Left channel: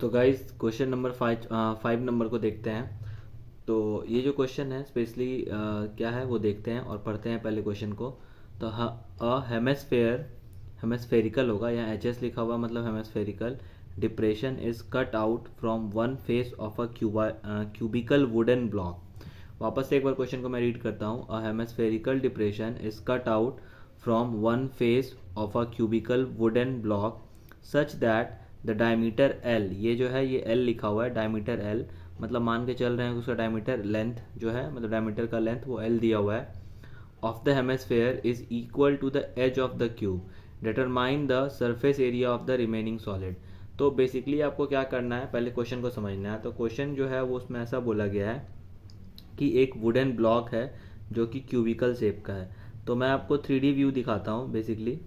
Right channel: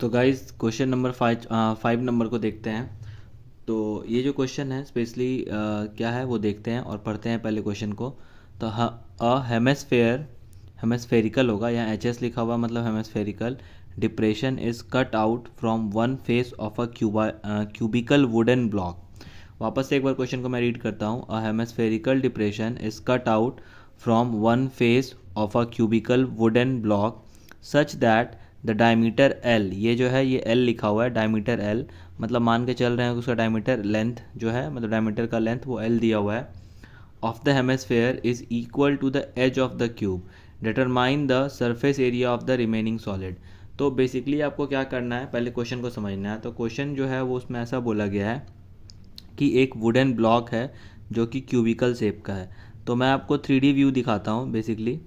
तो guys question number 5 number को देखते हैं। तो ये जो क्वेश्चन है स्पेशली क्या है वो देखते हैं और पढ़ते हैं पहले क्वेश्चन को। तो अ हेमेस्फेरिकल होगा, यहाँ एच एस लिखा हुआ मतलब hemispherical depression is cut out from one face of a cubical wooden block. वापस से एक बार क्वेश्चन को मैं रीड करता हूँ। A hemispherical depression is cut out from one face of a cubical wooden block such that the diameter l, ये जो है ये एल लिखा हुआ है, डायमीटर एल मतलब मान के चल रहे हैं कि उसका डायमीटर लेंथ जो है मतलब डायमीटर का लेंथ वो एल दिया हुआ है, of the hemisphere is equal to the edge of the cube, determine the surface area of the remaining solid. तो बेसिकली आपको क्या करना है, पहले क्वेश्चन को समझना है। तो क्वेश्चन जो है वो उसमें ऐसा बोला गया है कि एक वुडन ब्लॉक है जो कि क्यूबिकल शेप का है। तो मैं आपको 3D व्यू दिखाता हूँ बेसिकली,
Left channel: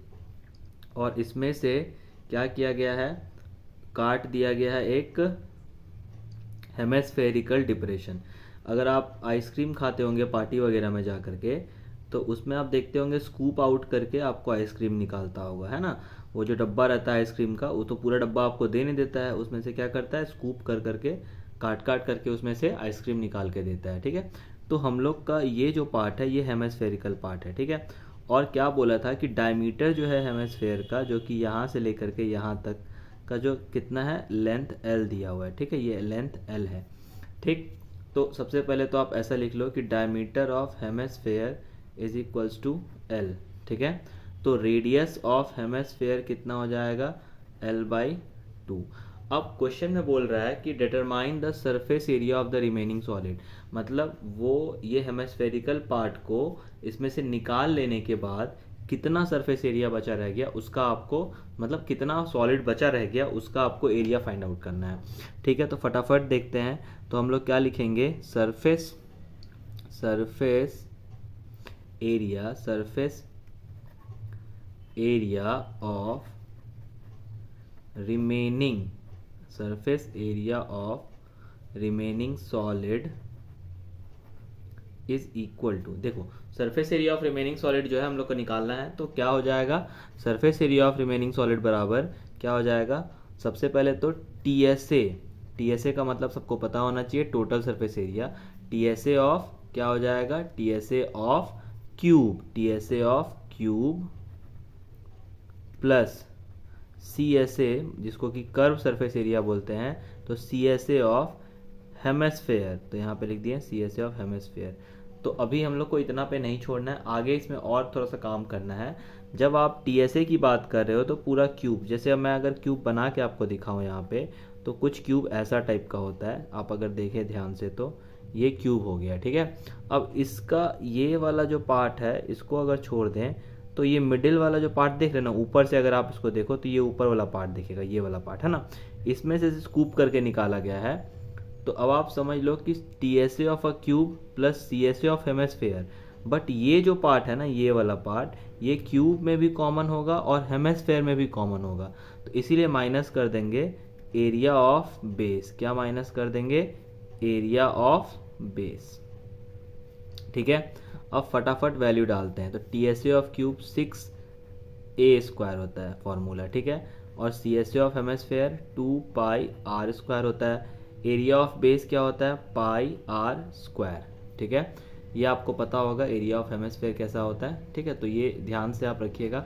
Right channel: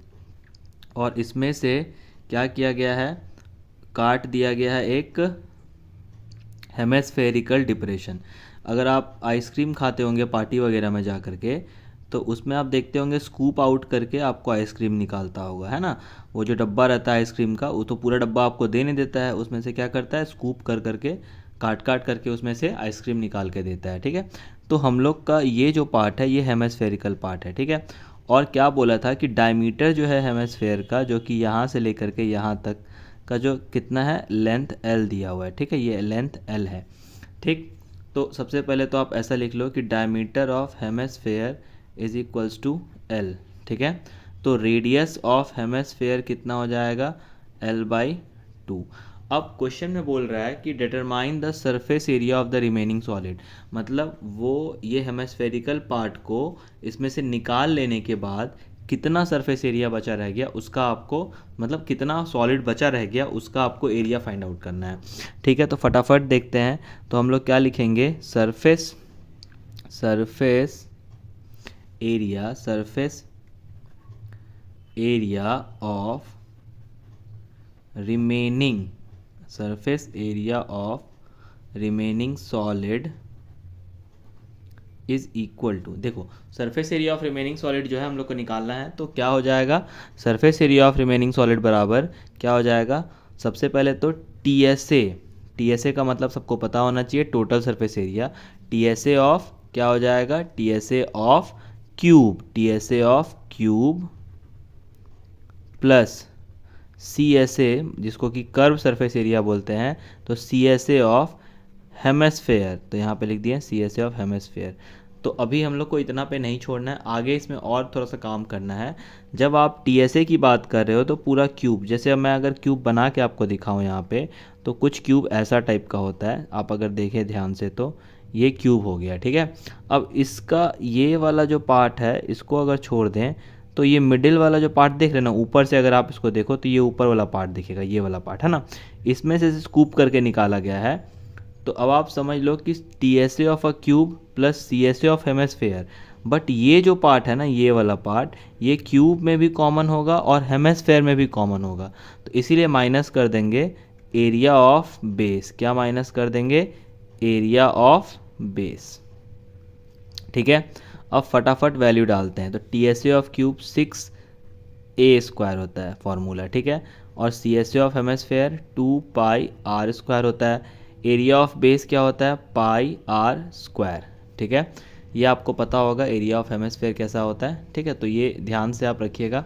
और इसमें से क्या किया गया है, काट दिया गया है एक हेमेस्फेरिकल डिप्रेशन। अगर आप आइसक्रीम खाते होंगे पार्टी वगैरह में जा करके, तो उसमें आप देखते होंगे स्कूप आउट करके आपको आइसक्रीम निकालता होगा, है ना। वो जो डब्बा रहता है आइसक्रीम का, वो तो पूरा डब्बा आपको दे नहीं देता है, उसमें से क्या करता है स्कूप कर करके काट काट करके उसमें से आइसक्रीम निकाल के देता है, ठीक है। तो हम लोग का ये जो पार्ट है ये हेमेस्फेरिकल पार्ट है, ठीक है। और क्या बोला था कि डायमीटर जो है हेमेस्फेयर का, जो कि यहाँ से लेकर के यहाँ तक का जो कितना है लेंथ एल दिया हुआ है, ठीक है, ये लेंथ एल है, ठीक। तो सबसे पहले तो आप ऐसा लिख लो कि diameter of hemisphere is equals to L, ठीक है। तो रेडियस ऑफ हेमेस्फेयर कितना हो जाएगा, एल बाई टू। अब क्वेश्चन में बोल रहा है कि determine the surface area of the remaining solid, मतलब वो ये हेमेस्फेरिकल पार्ट को इसमें से निकाल लेने के बाद कितना सरफेस एरिया बचा रह गया उसका आपको, मतलब कितना सॉलिड बचा रह गया उसका आपको एरिया फाइंड आउट करना है, ठीक है। तो फटाफट देखते हैं। तो हम लोग क्या लिखेंगे, surface surface surface area of remaining surface area of remaining solid is equal to, देखो surface area of remaining solid जो है हम लोग को निकालना है, तो क्या हो जाएगा, surface area of remaining solid बराबर क्या हो जाएगा, सबसे पहले तो टी एस ए का मतलब सबको पता होना चाहिए, total surface area. T S A of क्या हो जाएगा, T S A of cube plus C S A जिसको कि कर्व सरफेस एरिया बोलते हैं, तो C S A of hemisphere, तो यहाँ पे लिख दिए C S A of hemisphere. तो अभी हम लोग को इतना पे नहीं छोड़ना है, आगे इसमें और थोड़ा सा काम करना है। जब आप टी एस ए की बात कर रहे हो तो पूरा क्यूब, जैसे अब मैं अगर क्यूब बना के आपको दिखाऊं यहाँ पे, तो कुछ क्यूब ऐसा टाइप का होता है, आप अगर देखें ध्यान से तो ये क्यूब हो गया, ठीक है। अब इसका ये वाला जो पार्ट है इसको अगर छोड़ दें, तो ये मिडिल वाला जो पार्ट देख रहे हैं ना, ऊपर से अगर आप इसको देखो तो ये ऊपर वाला पार्ट दिखेगा, ये वाला पार्ट है ना, इसमें से स्कूप करके निकाला गया है। तो अब आप समझ लो कि T S A of a cube plus C S A of hemisphere, but ये जो पार्ट है ना, ये वाला पार्ट, ये क्यूब में भी कॉमन होगा और हेमेस्फेयर में भी कॉमन होगा, तो इसीलिए माइनस कर देंगे एरिया ऑफ बेस, क्या माइनस कर देंगे, एरिया ऑफ बेस, ठीक है। अब फटाफट वैल्यू डालते हैं। तो T S A of cube 6a² होता है फॉर्मूला, ठीक है, और C S A of hemisphere 2πr² होता है। एरिया ऑफ बेस क्या होता है, πr², ठीक है। ये आपको पता होगा एरिया ऑफ हेमेस्फेयर कैसा होता है, ठीक है। तो ये ध्यान से आप रखिएगा।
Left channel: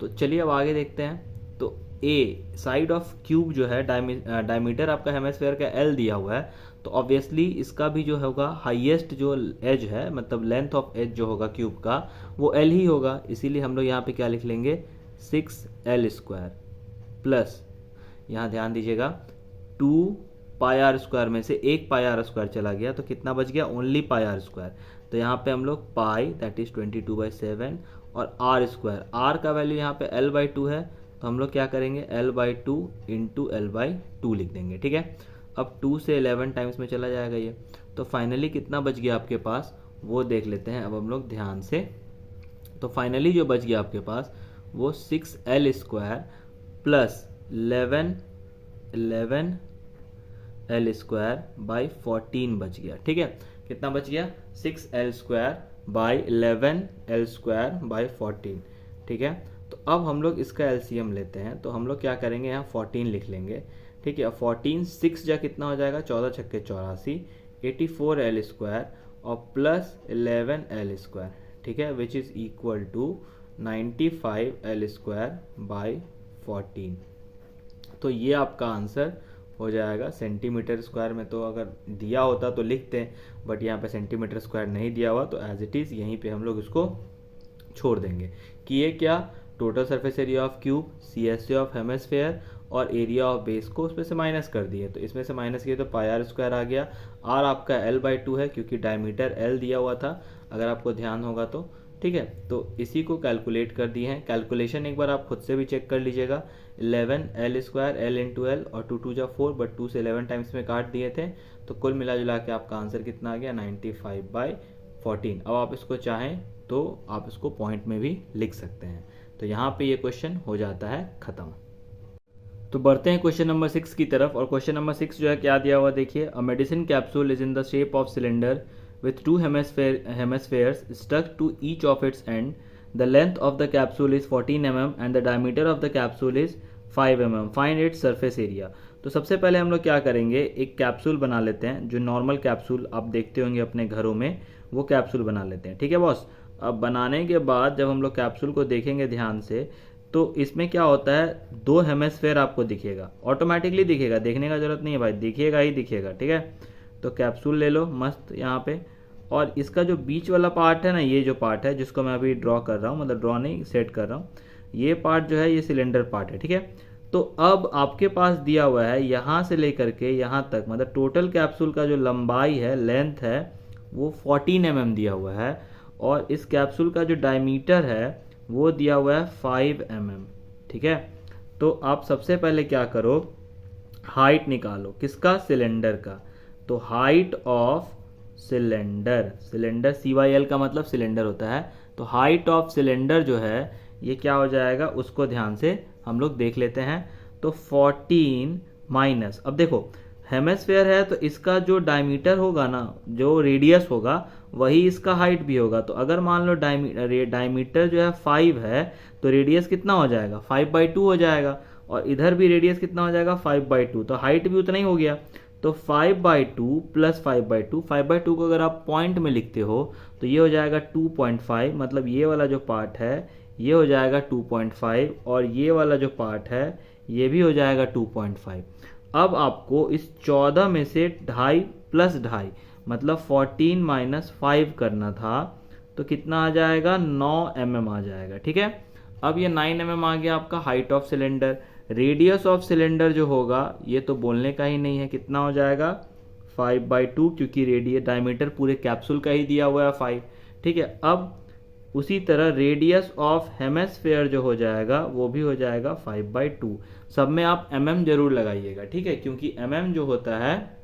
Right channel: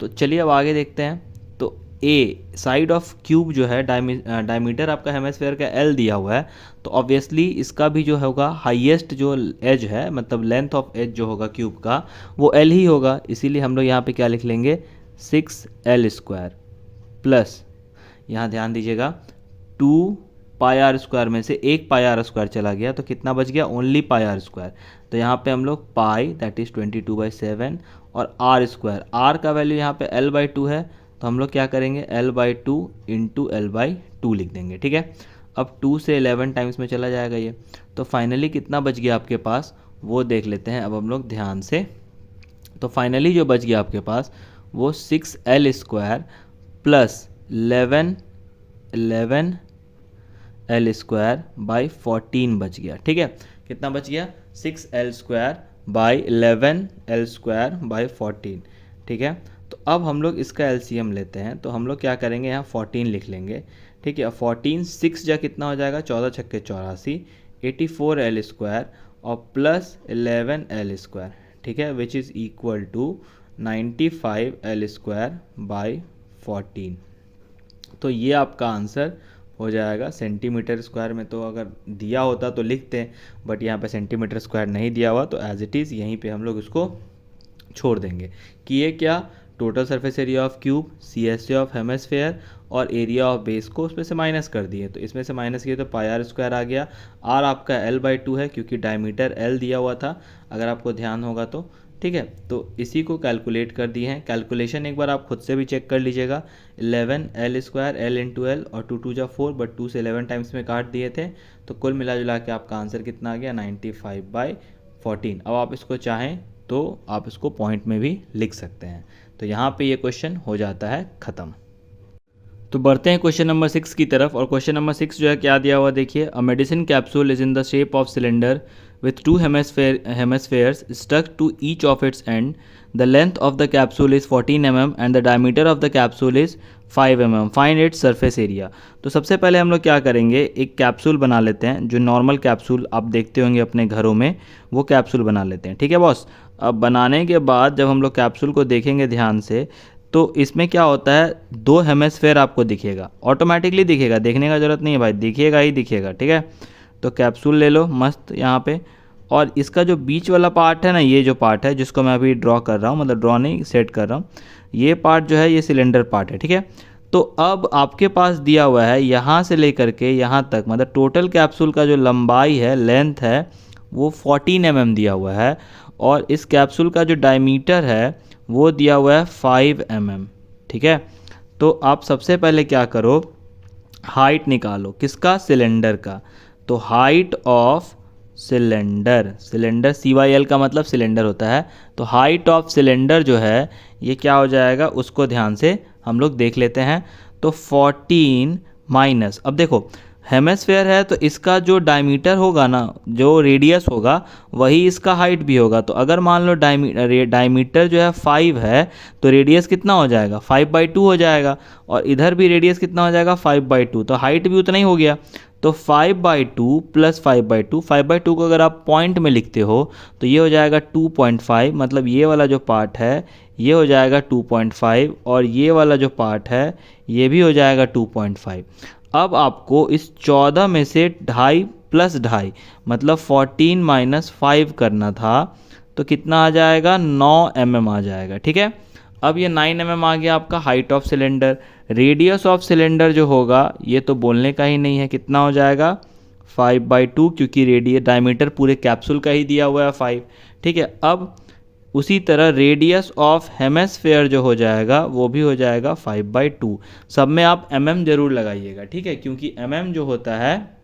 तो चलिए अब आगे देखते हैं। तो ए साइड ऑफ क्यूब जो है, डायमीटर आपका हेमेस्फेयर का एल दिया हुआ है, तो ऑब्वियसली इसका भी जो होगा हाईएस्ट जो एज है, मतलब लेंथ ऑफ एज जो होगा क्यूब का वो एल ही होगा, इसीलिए हम लोग यहाँ पे क्या लिख लेंगे, 6l² प्लस, यहाँ ध्यान दीजिएगा 2πr² में से एक πr² चला गया, तो कितना बच गया, ओनली πr²। तो यहाँ पे हम लोग पाई दैट इज़ 22/7 और r², r का वैल्यू यहाँ पे l/2 है, तो हम लोग क्या करेंगे, l/2 इंटू l/2 लिख देंगे, ठीक है। अब 2 से 11 टाइम्स में चला जाएगा ये, तो फाइनली कितना बच गया आपके पास वो देख लेते हैं अब हम लोग ध्यान से। तो फाइनली जो बच गया आपके पास वो 6l² प्लस 11l² बच गया, ठीक है। कितना बच गया, 6l²/11l²/14, ठीक है। तो अब हम लोग इसका एलसीएम लेते हैं, तो हम लोग क्या करेंगे, यहाँ 14 लिख लेंगे, ठीक है। 14 6 जा कितना हो जाएगा, 14 छक्के 84, 84L² और प्लस 11L², ठीक है, which is equal to 95L² by 14। तो ये आपका आंसर हो जाएगा। सेंटीमीटर स्क्वायर में तो अगर दिया होता तो लिखते हैं, बट यहाँ पे सेंटीमीटर स्क्वायर नहीं दिया हुआ, तो एज इट इज़ यहीं पे हम लोग इसको छोड़ देंगे कि ये क्या, total surface area of cube, CSA of hemisphere और एरिया ऑफ बेस को उसमें से माइनस कर दिए। तो इसमें से माइनस किए तो πr² आ गया। r आपका L/2 है क्योंकि डायमीटर L दिया हुआ था, अगर आपको ध्यान होगा तो, ठीक है। तो इसी को कैलकुलेट कर दिए हैं। कैलकुलेशन एक बार आप खुद से भी चेक कर लीजिएगा। 11L² L इंटू एल और 2 2 जा 4, बट 2 से 11 टाइम्स में काट दिए थे, तो कुल मिला जुला के आपका आंसर कितना आ गया, 95/14। अब आप इसको चाहें तो आप इसको पॉइंट में भी लिख सकते हैं। तो यहाँ पे ये क्वेश्चन हो जाता है ख़त्म। तो बढ़ते हैं क्वेश्चन नंबर 6 की तरफ। और क्वेश्चन नंबर 6 जो है क्या दिया हुआ देखिए, a medicine capsule is in the shape of cylinder with two hemispheres stuck to each of its end. The length of the capsule is 14 mm and the diameter of the capsule is 5 mm. Find its surface area. तो सबसे पहले हम लोग क्या करेंगे, एक capsule बना लेते हैं, जो नॉर्मल कैप्सूल आप देखते होंगे अपने घरों में, वो कैप्सूल बना लेते हैं, ठीक है बॉस। अब बनाने के बाद जब हम लोग कैप्सूल को देखेंगे ध्यान से, तो इसमें क्या होता है, 2 हेमिस्फेयर आपको दिखेगा, ऑटोमेटिकली दिखेगा, देखने का ज़रूरत नहीं है भाई, दिखेगा ही दिखेगा, ठीक है। तो कैप्सूल ले लो मस्त यहाँ पे, और इसका जो बीच वाला पार्ट है ना, ये जो पार्ट है जिसको मैं अभी ड्रॉ कर रहा हूँ, मतलब ड्रॉ नहीं सेट कर रहा हूँ, ये पार्ट जो है ये सिलेंडर पार्ट है, ठीक है। तो अब आपके पास दिया हुआ है यहाँ से लेकर के यहाँ तक, मतलब टोटल कैप्सूल का जो लंबाई है, लेंथ है, वो 14 mm दिया हुआ है, और इस कैप्सूल का जो डायमीटर है वो दिया हुआ है 5 mm, ठीक है। तो आप सबसे पहले क्या करो, हाइट निकालो, किसका, सिलेंडर का। तो height of cylinder, cylinder CYL का मतलब सिलेंडर होता है, तो हाइट ऑफ सिलेंडर जो है ये क्या हो जाएगा, उसको ध्यान से हम लोग देख लेते हैं। तो 14 माइनस, अब देखो हेमिस्फेयर है तो इसका जो डायमीटर होगा ना, जो रेडियस होगा, वही इसका हाइट भी होगा। तो अगर मान लो डायमीटर जो है 5 है, तो रेडियस कितना हो जाएगा, 5/2 हो जाएगा, और इधर भी रेडियस कितना हो जाएगा, 5/2, तो हाइट भी उतना ही हो गया। तो 5/2 प्लस 5/2, 5/2 को अगर आप पॉइंट में लिखते हो तो ये हो जाएगा 2.5, मतलब ये वाला जो पार्ट है ये हो जाएगा 2.5, और ये वाला जो पार्ट है ये भी हो जाएगा 2.5। अब आपको इस 14 में से 2.5 प्लस 2.5 मतलब 14 माइनस 5 करना था, तो कितना आ जाएगा, 9 mm आ जाएगा, ठीक है। अब ये 9 mm आ गया आपका height of cylinder. Radius of cylinder जो होगा ये तो बोलने का ही नहीं है, कितना हो जाएगा, 5/2, क्योंकि रेडियस डायमीटर पूरे कैप्सूल का ही दिया हुआ है 5, ठीक है। अब उसी तरह रेडियस ऑफ हेमिस्फेयर जो हो जाएगा वो भी हो जाएगा 5/2। सब में आप mm जरूर लगाइएगा, ठीक है, क्योंकि mm जो होता है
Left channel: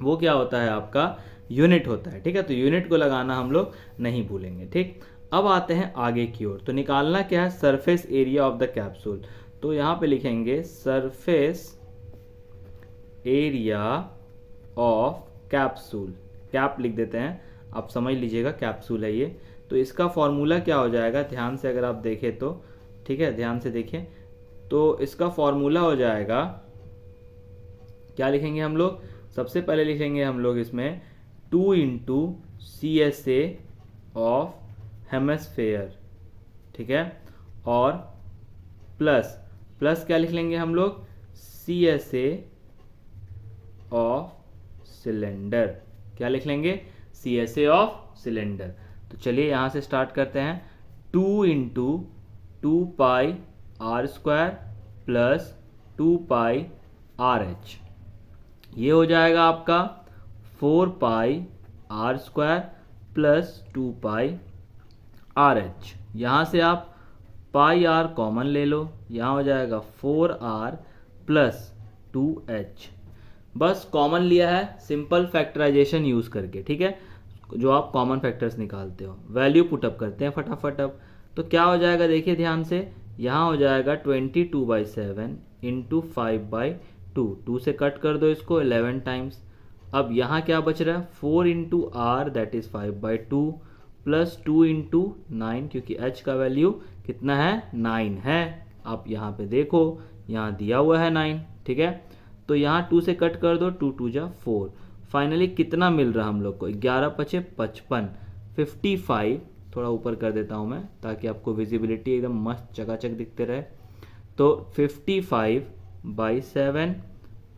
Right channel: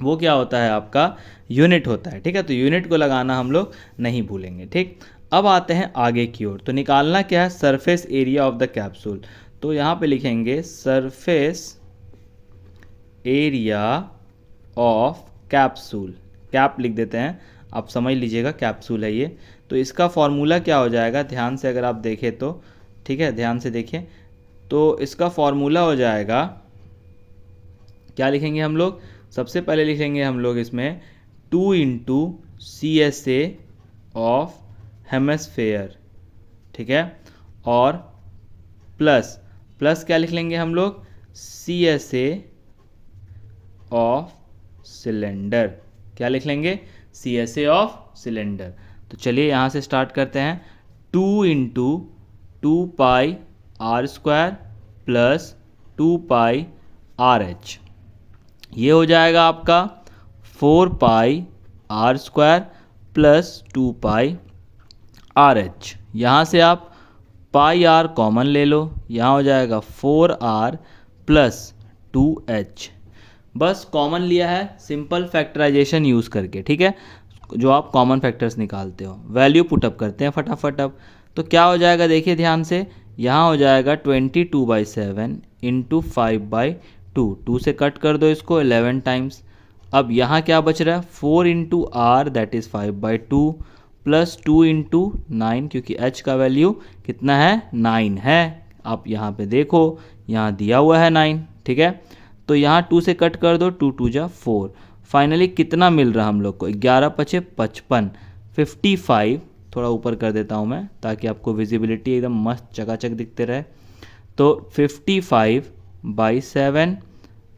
वो क्या होता है, आपका यूनिट होता है, ठीक है। तो यूनिट को लगाना हम लोग नहीं भूलेंगे, ठीक। अब आते हैं आगे की ओर। तो निकालना क्या है, surface area of the capsule. तो यहाँ पे लिखेंगे surface area of capsule, cap लिख देते हैं, आप समझ लीजिएगा कैप्सूल है ये। तो इसका फॉर्मूला क्या हो जाएगा, ध्यान से अगर आप देखें तो, ठीक है, ध्यान से देखिए, तो इसका फॉर्मूला हो जाएगा, क्या लिखेंगे हम लोग, सबसे पहले लिखेंगे हम लोग इसमें 2 × CSA ऑफ हेमिस्फेयर, ठीक है, और प्लस क्या लिख लेंगे हम लोग, CSA ऑफ सिलेंडर, क्या लिख लेंगे, CSA ऑफ सिलेंडर। तो चलिए यहाँ से स्टार्ट करते हैं। 2 × 2πr² प्लस 2πRH, ये हो जाएगा आपका 4πr² प्लस 2πRH। यहाँ से आप πr कॉमन ले लो, यहाँ हो जाएगा 4r प्लस 2h, बस कॉमन लिया है सिंपल फैक्टराइजेशन यूज़ करके, ठीक है, जो आप कॉमन फैक्टर्स निकालते हो। वैल्यू पुटअप करते हैं फटाफट। अब तो क्या हो जाएगा, देखिए ध्यान से, यहाँ हो जाएगा 22/7 इंटू 5/2, 2 से कट कर दो इसको 11 टाइम्स। अब यहाँ क्या बच रहा है, 4 × r दैट इज़ 5/2 प्लस 2 × 9, क्योंकि h का वैल्यू कितना है, 9 है। आप यहाँ पे देखो, यहाँ दिया हुआ है 9, ठीक है। तो तो यहाँ 2 से कट कर दो, 2 2 जा 4। फाइनली कितना मिल रहा हम लोग को, 11 पचे 55, 55। थोड़ा ऊपर कर देता हूँ मैं ताकि आपको विजिबिलिटी एकदम मस्त चकाचक दिखते रहे। तो 55/7,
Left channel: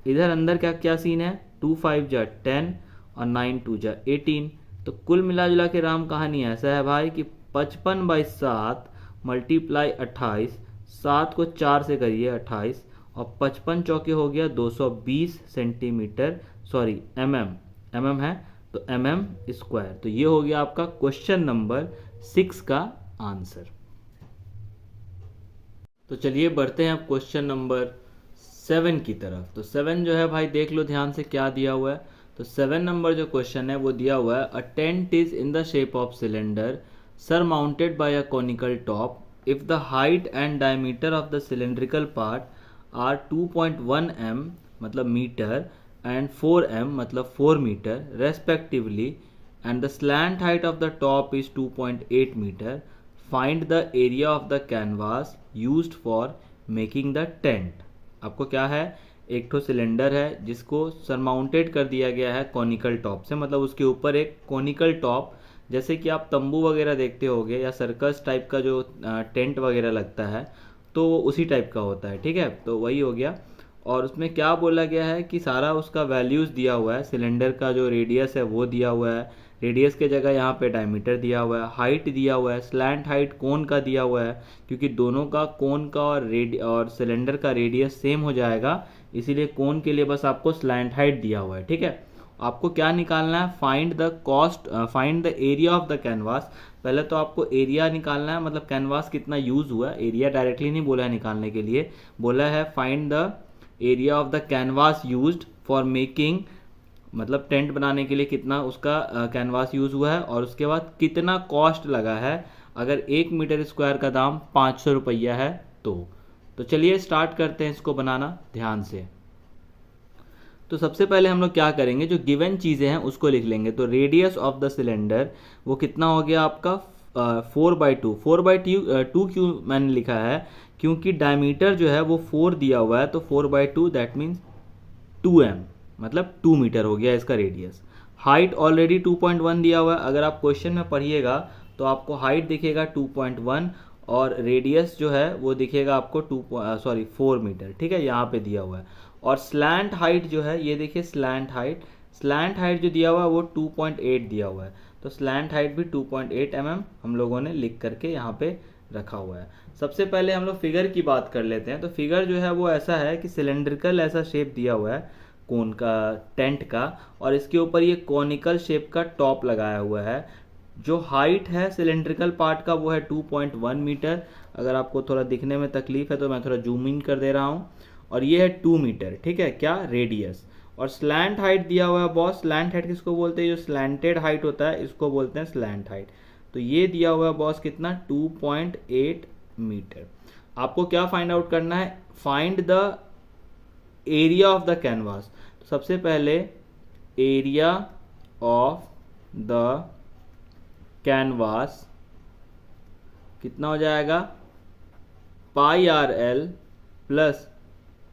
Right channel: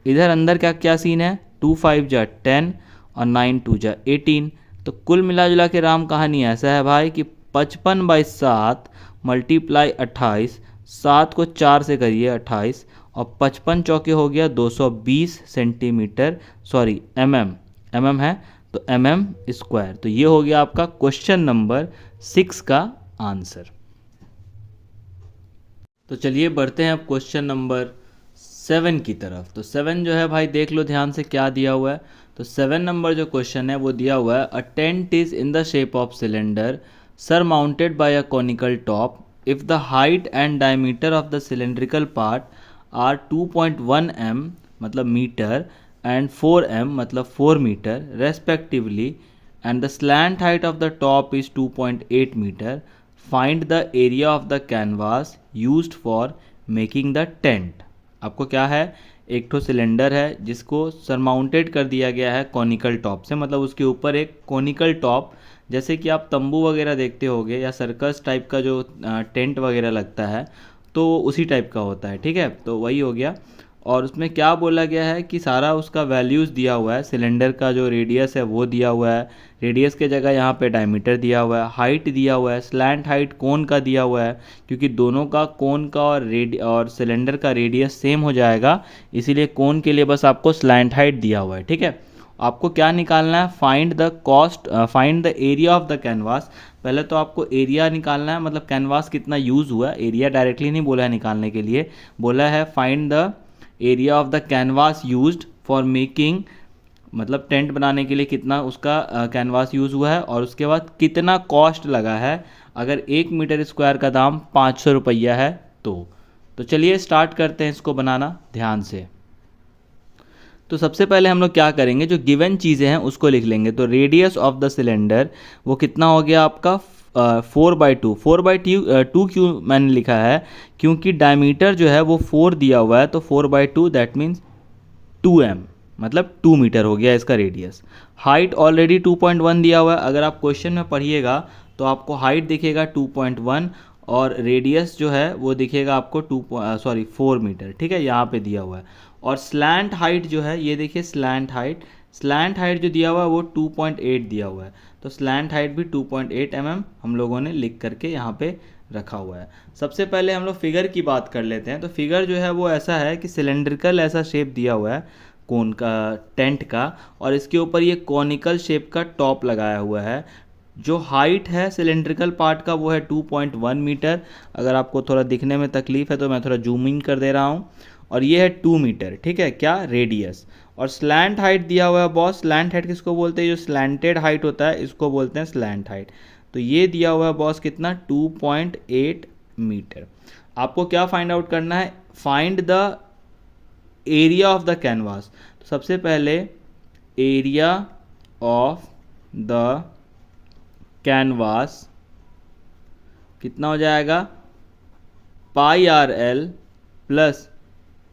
इधर अंदर क्या क्या सीन है, 2 5 जा 10 और 9 2 जा 18। तो कुल मिला जुला के राम कहानी ऐसा है भाई कि 55/7 मल्टीप्लाई 28, 7 को 4 से करिए 28, और 55 चौके हो गया 220 सेंटीमीटर, सॉरी mm है, तो mm²। तो ये हो गया आपका क्वेश्चन नंबर 6 का आंसर। तो चलिए बढ़ते हैं अब क्वेश्चन नंबर 7 की तरफ। तो 7 जो है भाई देख लो ध्यान से क्या दिया हुआ है। तो 7 नंबर जो क्वेश्चन है वो दिया हुआ है, a tent is in the shape of cylinder surmounted by a conical top if the height and diameter of the cylindrical part are 2.1 m मतलब मीटर and 4 m मतलब 4 metre respectively and the slant height of the top is 2.8 meter, find the area of the canvas used for making the tent। आपको क्या है, एक ठो cylinder है जिसको surmounted कर दिया गया है कॉनिकल टॉप से, मतलब उसके ऊपर एक कॉनिकल टॉप, जैसे कि आप तंबू वगैरह देखते होगे या सर्कस टाइप का जो टेंट वगैरह लगता है, तो उसी टाइप का होता है, ठीक है। तो वही हो गया। और उसमें क्या बोला गया है कि सारा उसका वैल्यूज़ दिया हुआ है, सिलेंडर का जो रेडियस है वो दिया हुआ है, रेडियस के जगह यहाँ पे डायमीटर दिया हुआ है, हाइट दिया हुआ है, स्लैंट हाइट कोन का दिया हुआ है, क्योंकि दोनों का कोन का और सिलेंडर का रेडियस सेम हो जाएगा, इसीलिए कोन के लिए बस आपको स्लैंट हाइट दिया हुआ है, ठीक है। आपको क्या निकालना है, find the area of the canvas. पहले तो आपको एरिया निकालना है, मतलब कैनवास कितना यूज़ हुआ है। एरिया डायरेक्टली नहीं बोला है निकालने के लिए, बोला है find the area of the canvas used for making, मतलब टेंट बनाने के लिए कितना उसका कैनवास यूज़ हुआ है, और उसके बाद कितना कॉस्ट लगा है। अगर 1 मीटर स्क्वायर का दाम 500 रुपया है तो चलिए स्टार्ट करते हैं इसको बनाना ध्यान से। तो सबसे पहले हम लोग क्या करेंगे, जो गिवन चीज़ें हैं उसको लिख लेंगे। तो रेडियस ऑफ द सिलेंडर वो कितना हो गया आपका 4/2। 4/2 क्यों मैंने लिखा है, क्योंकि डायमीटर जो है वो 4 दिया हुआ है, तो 4/2 दैट मीन्स 2m, मतलब 2 मीटर हो गया इसका रेडियस। हाइट ऑलरेडी 2.1 दिया हुआ है, अगर आप क्वेश्चन में पढ़िएगा तो आपको हाइट दिखेगा 2.1 और रेडियस जो है वो दिखेगा आपको 4 मीटर, ठीक है, यहाँ पे दिया हुआ है। और स्लैंट हाइट जो है ये देखिए, स्लैंट हाइट जो दिया हुआ है वो 2.8 दिया हुआ है, तो स्लैंट हाइट भी 2.8 mm हम लोगों ने लिख करके यहाँ पे रखा हुआ है। सबसे पहले हम लोग फिगर की बात कर लेते हैं। तो फिगर जो है वो ऐसा है कि सिलेंड्रिकल ऐसा शेप दिया हुआ है कोन का, टेंट का, और इसके ऊपर ये कॉनिकल शेप का टॉप लगाया हुआ है। जो हाइट है सिलेंड्रिकल पार्ट का वो है 2.1 मीटर। अगर आपको थोड़ा दिखने में तकलीफ है तो मैं थोड़ा जूम इन कर दे रहा हूँ। और ये है 2 मीटर, ठीक है, क्या रेडियस। और स्लैंट हाइट दिया हुआ है बॉस। स्लैंट हाइट किसको बोलते हैं, जो स्लैंटेड हाइट होता है इसको बोलते हैं स्लैंट हाइट। तो ये दिया हुआ है बॉस कितना, 2.8 मीटर। आपको क्या फाइंड आउट करना है, find the area of the canvas. तो सबसे पहले एरिया ऑफ द कैनवास कितना हो जाएगा, πRL प्लस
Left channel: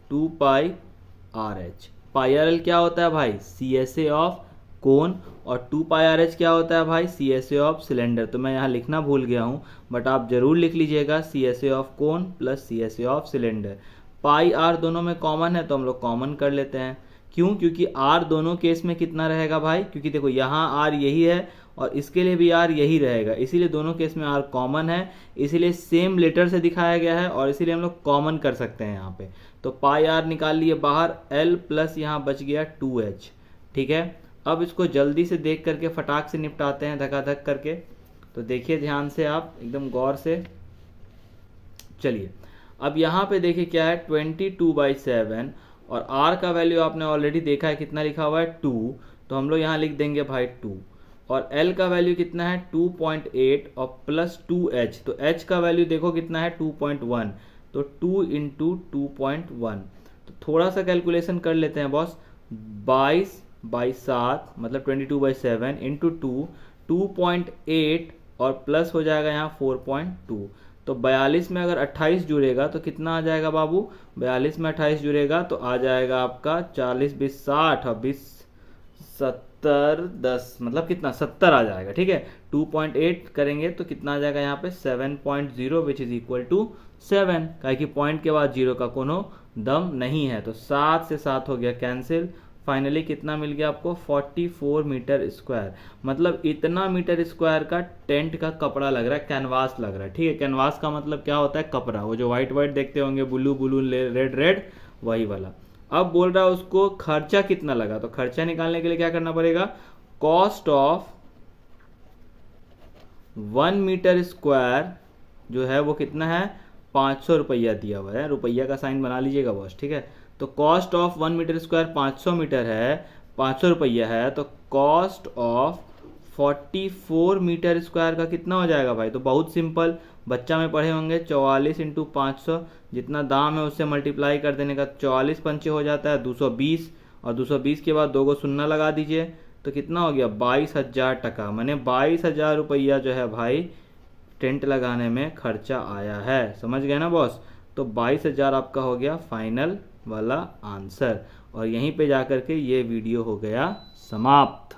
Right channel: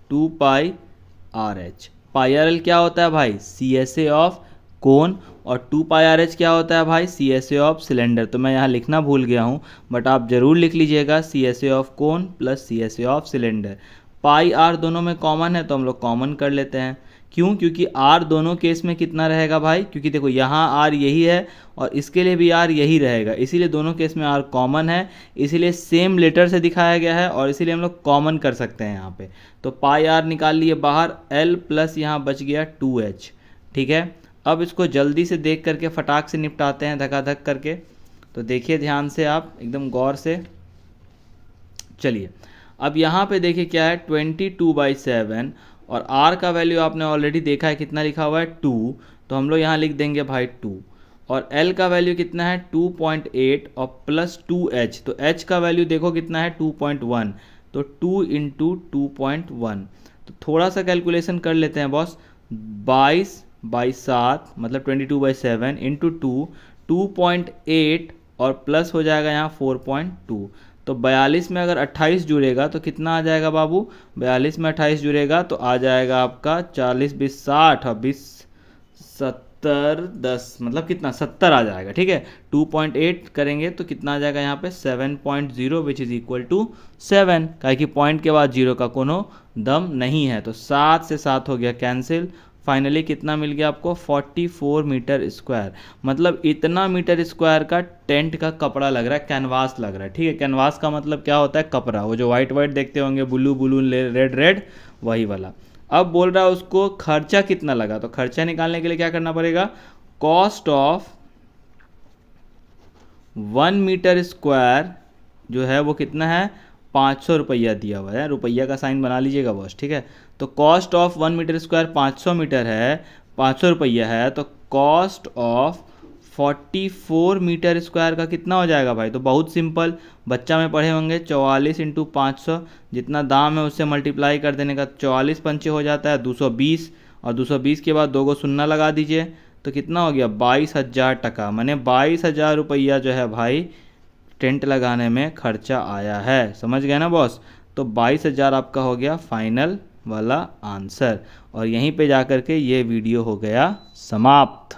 2πRH। πRL क्या होता है भाई, CSA ऑफ कोन, और 2πRH क्या होता है भाई, CSA ऑफ सिलेंडर। तो मैं यहाँ लिखना भूल गया हूँ, बट आप ज़रूर लिख लीजिएगा, CSA of cone plus CSA of cylinder. Pi r दोनों में कॉमन है तो हम लोग कॉमन कर लेते हैं। क्यों, क्योंकि आर दोनों केस में कितना रहेगा भाई, क्योंकि देखो यहाँ आर यही है और इसके लिए भी आर यही रहेगा, इसीलिए दोनों केस में आर कॉमन है, इसीलिए सेम लेटर से दिखाया गया है और इसीलिए हम लोग कॉमन कर सकते हैं यहाँ पे। तो पाई आर निकाल लिए बाहर, एल प्लस यहाँ बच गया 2h, ठीक है। अब इसको जल्दी से देख करके फटाक से निपटाते हैं धकाधक करके। तो देखिए ध्यान से आप एकदम गौर से, चलिए अब यहाँ पे देखिए क्या है, 22/7 और r का वैल्यू आपने ऑलरेडी देखा है कितना लिखा हुआ है 2, तो हम लोग यहाँ लिख देंगे भाई 2। और l का वैल्यू कितना है 2.8 और प्लस 2h, तो h का वैल्यू देखो कितना है 2.1, तो 2 × 2.1। तो थोड़ा सा कैलकुलेशन कर लेते हैं बॉस, 22/7 मतलब 22/7 × 2, 2.8 और प्लस हो जाएगा यहाँ 4.2, तो 42 में अगर 28 जुड़ेगा तो कितना आ जाएगा बाबू, 42 में 28 जुड़ेगा तो आ जाएगा आपका 40 20 60 और 20 70 10, मतलब कितना 70 आ जाएगा। ठीक है, 2.8 करेंगे तो कितना आ जाएगा यहाँ पे 7.0 विच इज इक्वल टू 7, काहे कि पॉइंट के बाद जीरो का कोनो दम नहीं है। तो 7 से 7 हो गया कैंसिल। फाइनली कितना मिल गया आपको 44 मीटर स्क्वायर, मतलब इतना मीटर स्क्वायर का टेंट का कपड़ा लग रहा है, कैनवास लग रहा है। ठीक है, कैनवास का मतलब क्या होता है, कपड़ा, वो जो वाइट वाइट देखते होंगे, ब्लू ब्लू रेड रेड, वही वाला। अब बोल रहा है उसको खर्चा कितना लगा, तो खर्चा निकालने के लिए क्या करना पड़ेगा, कॉस्ट ऑफ 1 मीटर स्क्वायर जो है वो कितना है 500 रुपया दिया हुआ है, रुपया का साइन बना लीजिएगा बॉस। ठीक है, तो cost of 1 metre square 500 metre है, 500 रुपया है, तो कॉस्ट ऑफ 44 मीटर स्क्वायर का कितना हो जाएगा भाई, तो बहुत सिंपल, बच्चा में पढ़े होंगे 44 इंटू 500, जितना दाम है उससे मल्टीप्लाई कर देने का, 44 पंचे हो जाता है 220, और 220 के बाद 2 को शून्य लगा दीजिए तो कितना हो गया 22,000 टका, मैंने 22,000 रुपया जो है भाई टेंट लगाने में खर्चा आया है। समझ गए ना बॉस, तो 22,000 आपका हो गया फाइनल वाला आंसर। और यहीं पे जाकर के ये वीडियो हो गया समाप्त।